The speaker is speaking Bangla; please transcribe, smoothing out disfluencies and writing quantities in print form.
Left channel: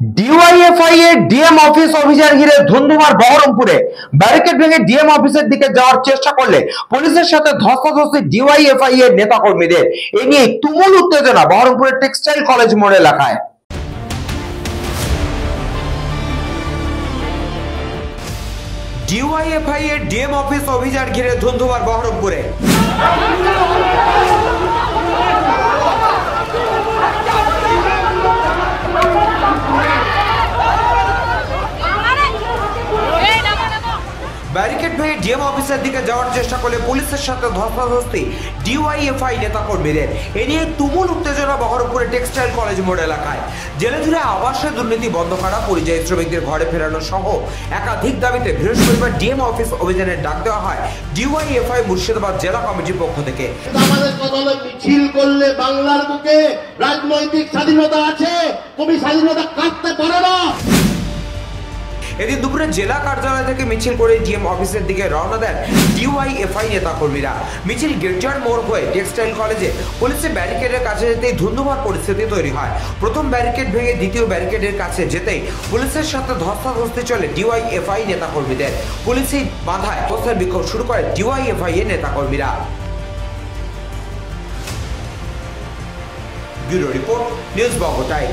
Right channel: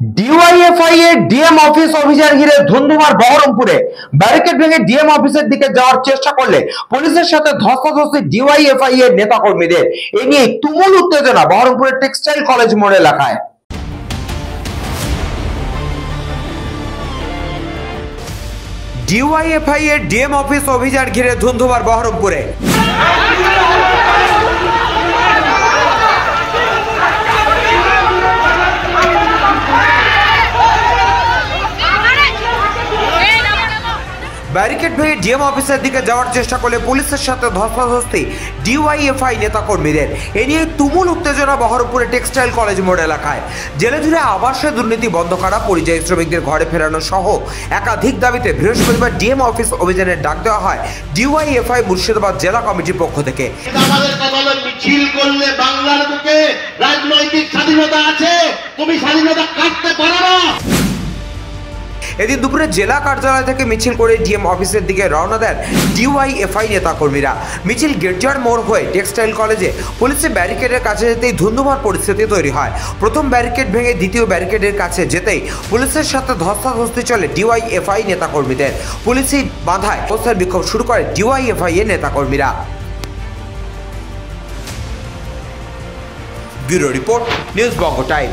ডিওয়াইএফআই এর ডিএম অফিস অভিযান ঘিরে ধুন্ধুমার বহরমপুরে। ব্যারিকেড ভেঙে ডিএম অফিসের দিকে যাওয়ার চেষ্টা করলে পুলিশের সাথে ধস্তাধস্তি ডিওয়াইএফআই এর নেতাকর্মীদের। এ নিয়ে তুমুল উত্তেজনা বহরমপুরের টেক্সটাইল কলেজ মোড় এলাকায়। ডিওয়াইএফআই এর ডিএম অফিস অভিযান ঘিরে ধুন্ধুমার বহরমপুরে। ব্যারিকেড ভেঙে ডিএম অফিসের দিকে যাওয়ার চেষ্টা করলে পুলিশের সাথে ধস্তাধস্তি ডিওয়াইএফআই নেতাকর্মীদের। এ নিয়ে তুমুল উত্তেজনা বহরমপুরের টেক্সটাইল কলেজ মোড় এলাকায়। জেলে জুড়ে আবাসে দুর্নীতি বন্ধ করা, পরিযায়ী শ্রমিকদের ঘরে ফেরানো সহ একাধিক দাবিতে বৃহস্পতিবার ডিএম অফিস অভিযানের ডাক দেওয়া হয় ডিওয়াইএফআই মুর্শিদাবাদ জেলা কমিটির পক্ষ থেকে। মিছিল করলে বাংলার বুকে রাজনৈতিক স্বাধীনতা আছে, তুমি স্বাধীনতা কাটতে পারো না। এদিন দুপুরে জেলা কার্যালয় থেকে মিছিল করে ডিএম অফিসের দিকে রওনা দেন ডিওয়াইএফআই নেতাকর্মীরা। মিছিল গির্জার মোড় হয়ে টেক্সটাইল কলেজে পুলিশের ব্যারিকেডের কাছে যেতেই ধুন্ধুমার পরিস্থিতি তৈরি হয়। প্রথম ব্যারিকেড ভেঙে দ্বিতীয় ব্যারিকেডের কাছে যেতেই পুলিশের সাথে ধস্তাধস্তি চলে ডিওয়াইএফআই নেতাকর্মীদের। পুলিশই বাধায় অবস্থান বিক্ষোভ শুরু করে ডিওয়াইএফআই এর নেতাকর্মীরা। ব্যুরো রিপোর্ট, নিউজ বঙ্গ টাইম।